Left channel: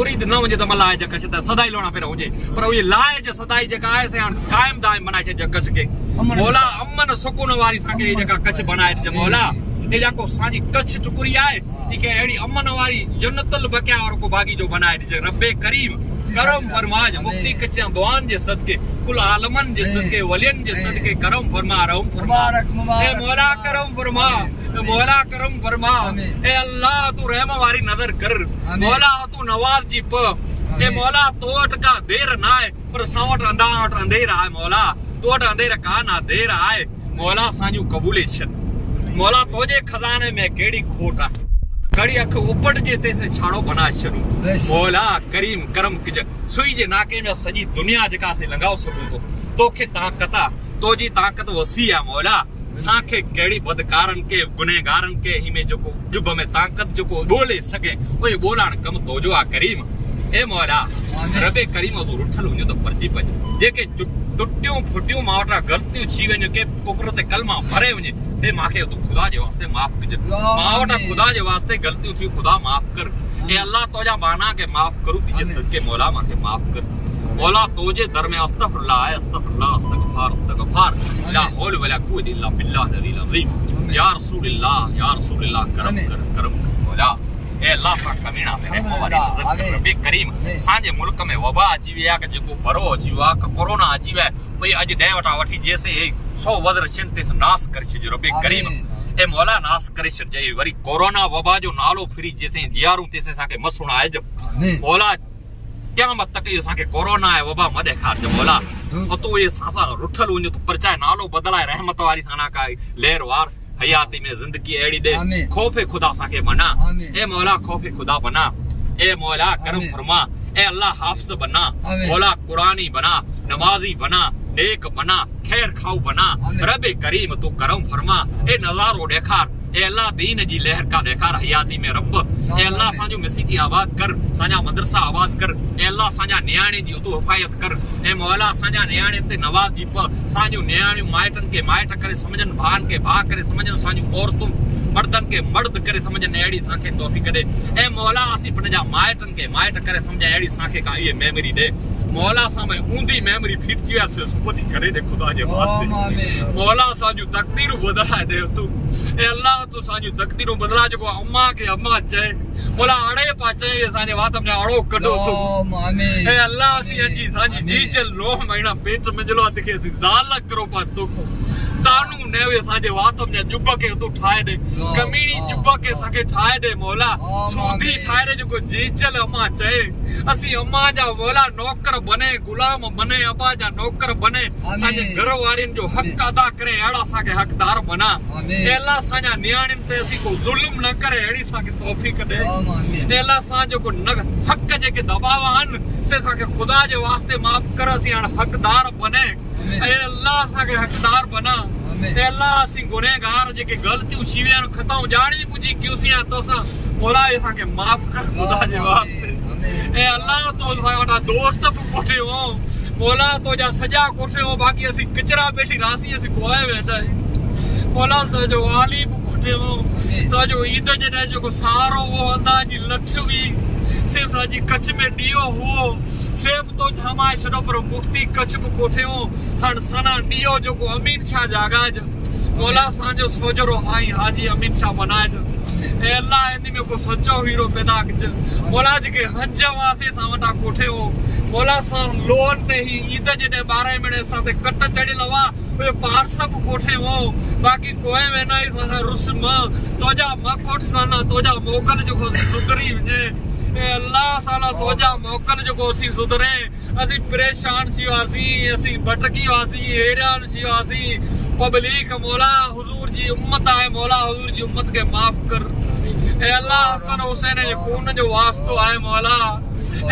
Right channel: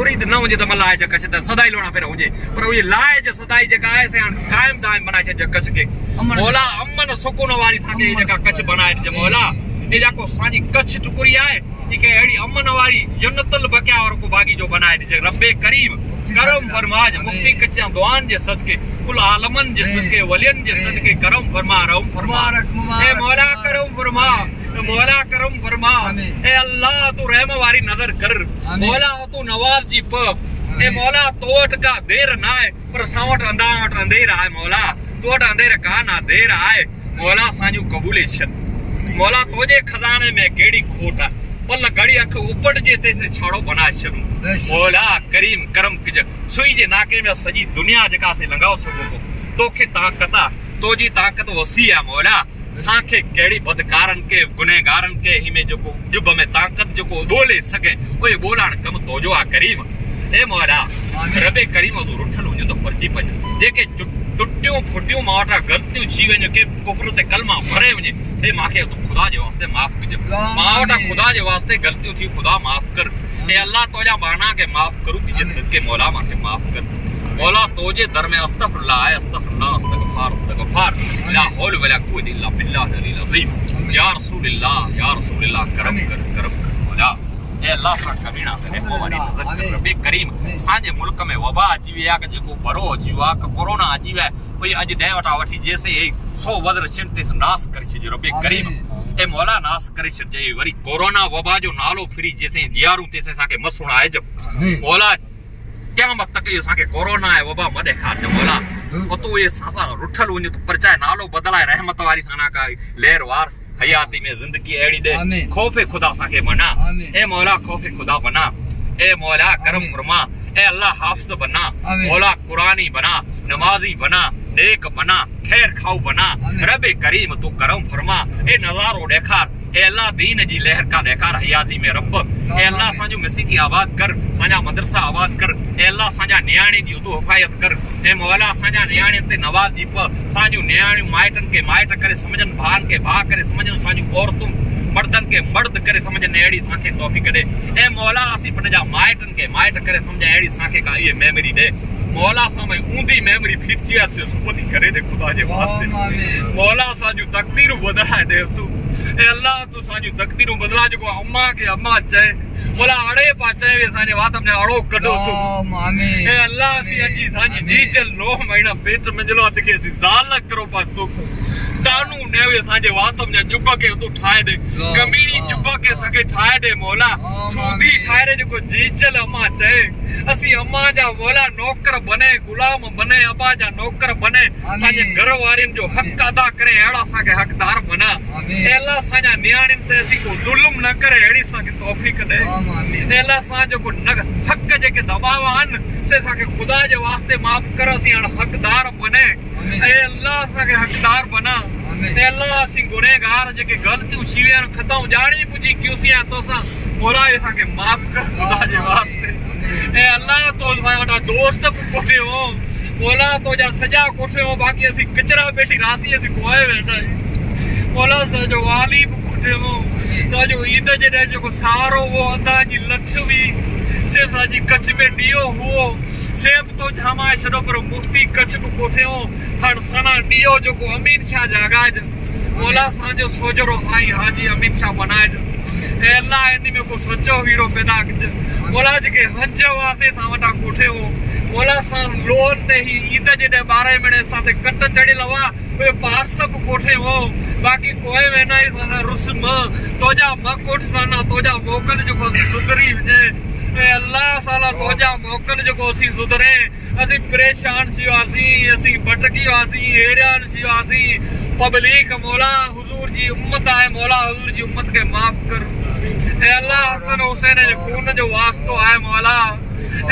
मुरीद न हुजे त मलाए ज कछ त सदाई लोणा फेर हुजे पर ये लाए ज सदाई जका आहे से कायम दायम बनाए छ ज कछ के मौला अमन सुकून वाली साके जका कछ बनाए ज मौला ए जाको साजी कछ टुकड़ी आए इके एड़ी अमन वाली जन्नतुल बकिया और को बागी जो बनाए ज रब्बे करीम करम फरमाज मुक्ति कच्चा दुआन जे सदके कुल आलमन जे सदके वलियन जे सदके करम फरमा रहम फरमा ए मौला करम फरमा मौला करम फरमा ए अल्लाह तू रहम वारी नजर कर मौला तू नवाज जी प ए मौला तोट का देर ना है पर सावट अंदावट अंधेरा है मौला तोट अंधेरा का ना देर आए मौला साजू कबूलेशन मौला तोजे खजाने में केड़ी खोट है पल घड़ी अख उपट जेते से छाड़ो बना छरू मौला करीम करम किज सुई जे नाके में सजी दुनिया जका से लंगाओ सको तो तोखे ताकत तोजी ताकत वसी है मौला साखे केड़ी बदकारन के गुनहगारन के ही में जोको जुब में ताकत जोको बोले सके ओए बोलाण कम तोजो आ करीम ए मौला रबे करीम तो रुठल हुजो तो परची पज जेके टुट्टियों फुट्टियों मावटा गलतियों छी वने के कुफर ते कलमा भरे वने ए माखे तो खुदा जे वास्ते माफ कज मावटा खुदा जे वास्ते गलतियों थी खुदा माफ कर ए अल्लाह तोजा बाना के माफ करू कि सदके मौला माखे माफ कर मौला तोजे दर में अस्तगफिरुल्लाह अस्तगफिरुल्लाह अस्तगफार ला हौल वला कुव्वत इल्ला बिल्लाह अल अज़ीम या रसूलुल्लाह करम कर मौला ए अल्लाह सा कमीना रहमो वाली नजर कर रब्बे करीम साजे मुल्क में वबा अची विया के जो बरो अची वा कोरोना अची वे कोई अज दे वटा वठी जैसे 100 वदर चिंते नाश कर जो रब्बे करीम ए मौला नाश करे छे वरी कोरोना वबा जो नालो फिरी जैसे दियारू तेसे साके मसुणा है जब मौला क़यामत तक ये साके कोरोना है वबा मदे खा जो मौला ओ तो ये सासा रुठल वने तो परचाए नालो बदलाए रहमत वाली थाना का लहर वार हयाती में जिंदगी एड़ी दे खौफे खुदा साके बना ए मौला खौफे खुदा बना ए मौला करम फरमा ए अल्लाह हाफिज बना मौला कुरानी बना नमाजी बना नेक बना खैर खाऊ बना रब्बे करीम तू करम फरमा ए नजारो देखार ए अल्लाह दीन जी लहर का देखार हयाती में रब ए अल्लाह साजो मसीकी आबाद कर साजा मदरसा आबाद कर ए अल्लाह साजा न्याणी दी तू हिफायत कर ए मौला साजा न्याणी ते नवाज दी प साजो न्याणी माइटन के माइट करे समझन भान के भा करे समझन साजो औरतुं मर्दन के मर्द करे समझन एड़ी साके तौफीक दे ए मौला असी पनजा माइटन के माइट करे समझ एड़ी साके का ये मेमोरी दे मौला सा में ऊंधी मेमोरी फिट जिया से सुपति करे दे खुदा जे वास्ते मौला साजू तकदीर बदला दे तू ए अल्लाह तू साजू तकदीर बदला जो अम्मा के अम्मा चाहे मौला अड़े पाचे वे साजे वात में अड़ो कढो तू ए अल्लाह सी अजी साजी जी चल 9 महीना पेट में जलो दिखे जाल करो पा तू तानू नेवे साजे वात में जुब्बा के तू ठाए दे कमीनी जुब्बा के सके ठाए दे मौला सूदी ठाए दे जो जी चल अम्मा चाहे असी अम्मा जा मौला नौकर बने गुलाम बने अबा जा नौकर बने साजे घर वारिन जो हक अदा करे एड़ा साके हकदार बना ए अल्लाह साजा न्याणिन ते असी को जुल्म न करे एड़ी साके तौफीक दे ए अल्लाह साजो को हक जे के दबावान से साके खुदा जे वास्ते माफ कर असी हकदार बने ए अल्लाह साके हकदार बना ए अल्लाह असी गुनहगार जे के गलतियों शीवियां खताऊं जानी बुझी क्यूसियां तोसा मौला ए साके माफ कर खुदा जे वास्ते ए अल्लाह तो साडा दोस्त कोठे हो मौला तो जा सजा कोठे हो बाकी असी कचरा बेटी रासी असी कोए बैठा मौला सा जो वाली कोठे हो तो जो ईद जे जो सारो वो अंदा जी लक्ष्मी सिर्फ साजी कच्छ में डियो हो सिर्फ तो जमा छड़ो पर मुफ्ती कच्छ कोठे हो हण सना डियो जो को अमीर शाह जागाज मौला सा जो सोजरो हाई हाजी अमीर शाह बनाज ए अल्लाह इनी में को सच्चो हीरो पैदा कर मौला जी के हज वास्ते सा वटा कोठे हो मौला सा लोन ते ही ईद जे 12 महीने साथे कट चढ़ी लवा वे पार सब कोठे हो बाकी कोई में नहीं रुस्म तोजा मकोट साना तोजा मोकल जो सुधरी जे ए अल्लाह साला तोजा मोकल जो सी सुधरे असी परेशान सी वासी असी भटकी वासी हैरान सी वासी पब्लिक मौला हुजूर जी उम्मत आए मौला हुजूर जी उम्मत के माफ कर ए अल्लाह हसन हुसैन जो खून जो वास्तो आए मौला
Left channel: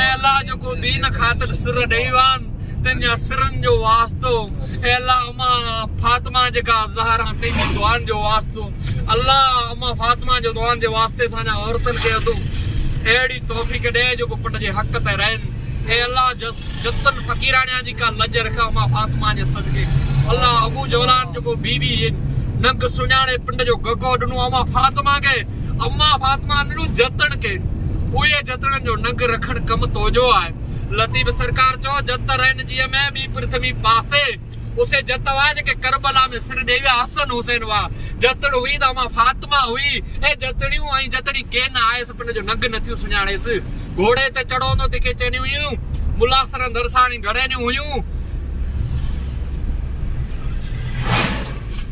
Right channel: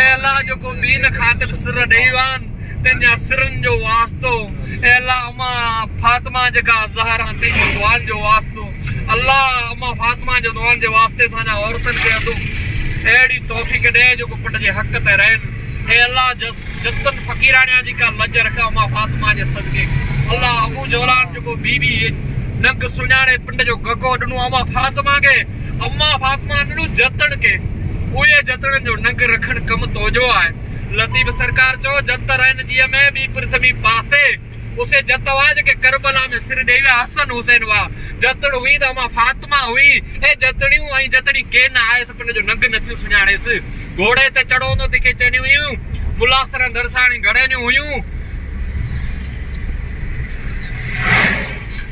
ए अल्लाह जो को दीन खातिर सिर देवान तेजा सिरन जो वास्तो ए अल्लाह अम्मा फातिमा जका ज़हरा तेजी दुआन जो वास्तो अल्लाह अम्मा फातिमा जो दुआन जो वास्ते साजा औरतन के अदो एड़ी तौफीक दे जो को पट जे हक ते रहन ए अल्लाह जतन फकीरानिया जी का लज रखा अम्मा फातिमा जे सदके अल्लाह अबू जौलान जो को बीबी नंग सुनाने पिंड जो गगो डनु अम्मा फातिमा ननु जतन के उहे जतन जो नंग रखण कम तोजो आए लतीफ सरकार चो जत रहन जी में भी पृथ्वी पासे उसे जत वा जे करबला में सिर देवा हसन हुसैन वा जतड़ हुई त मां फातिमा हुई ए जतड़ियूं आई जतड़ी के ना आए सपने जो नंग नथियूं सुञाणेस घोड़े ते चढ़ोंदो ते चनियूं हुयूं मुलासर दरसाणी घड़ेनियूं हुयूं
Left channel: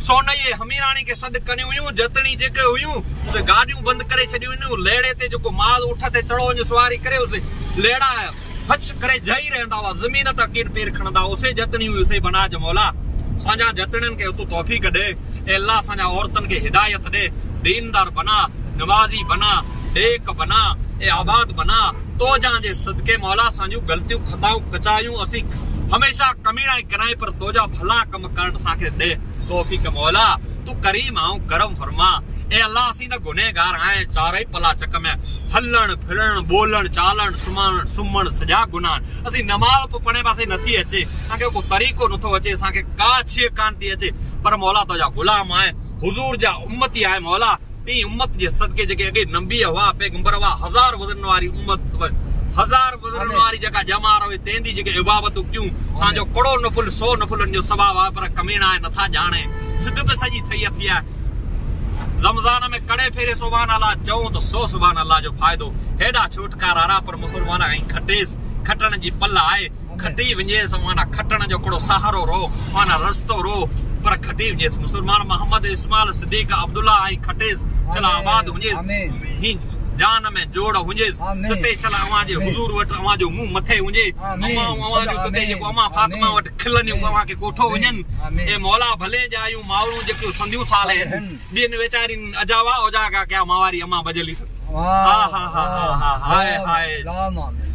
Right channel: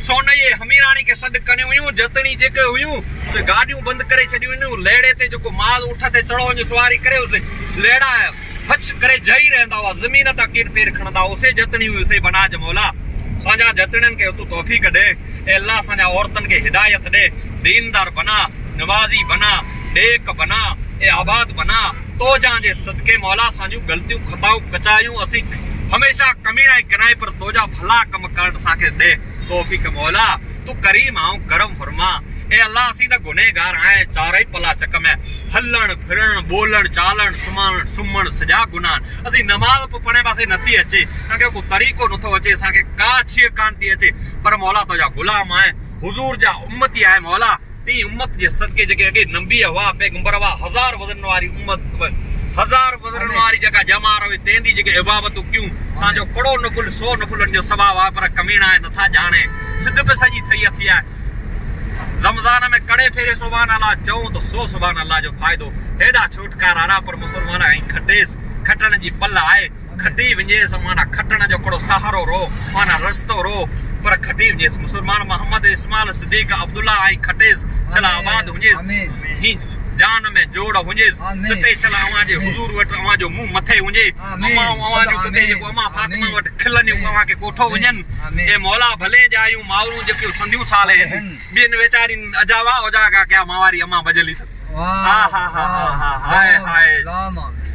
सोन ये हमीरानी के सद कनियूं हुयूं जतणी जेके हुयूं उसे गाड़ियूं बंद करे छडियूं हुयूं लेड़े ते जो माल उठ ते चढ़ो जो सवारी करे उसे लेड़ा हच करे जई रहंदा वा जमीन ता किन पैर खणदा उसे जतणी हुई उसे बना ज मौला साजा जतणन के तू तौफीक दे ए अल्लाह साजा औरतन के हिदायत दे दीनदार बना नमाजी बना नेक बना ए आबाद बना तो जां जे सदके मौला साजू गलतियों खताऊं कचायूं असी हमेशा कमीना कराए पर तोजा भला कम करण साके दे तौफीक मौला तू करीम आऊं करम फरमा ए अल्लाह असी दा गुनहगार आए चारे पला चक में हलन फिरण बोलन चालन सुमण सजा गुनाह असी नमाज पढ़ने पासे नथी अचे ताके को तरीको नथो अचे साके का छिए कांती अचे पर मौला तो जा गुलाम आए हुजूर जा उम्मती आए मौला ती उम्मत जे सदके जके अगे नबी हवा पैगंबर हवा हजार वजन वाली उम्मत हजार वजन वाली जगह जमा रहे तेंदी जके इबादत क्यों साजो कड़ो नफुल 100 नफुलन जो सवाब आ पर कमीना है नथा जाने सिद्ध पे सजी थई थिया रमजान में कड़े फेरे सुभान अल्लाह चऊं तो 100 सुभान अल्लाह जो फायदो हेडा छुटकारा रा पर मुसलमान आई खटेस खटण जी पल आए खटी वञे समाना खटण जो कड़ो सहारो रो माना रस्तो रो पर खटी वञे मुसलमान मोहम्मद इस्माइल सिद्दीक अब्दुल्ला आई खटेस चला आबाद वञे ही जान में जोड़ वञे तते चला अवा जे हुजूर वट अवा जो मुंह मथे वञे अवा जो तते जो अमा फातिमा वट खिलनियो अवा के कोठो वञन ए मौला भले जायूं मावरू जके संधियूं साल है बिन वेचारी अजावा ओजागा क्या मावारी अमा बजली हा हा हा हाय हाय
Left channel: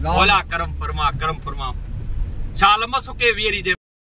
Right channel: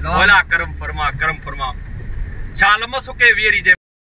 मौला करम फरमा छालम सुके वीरी जे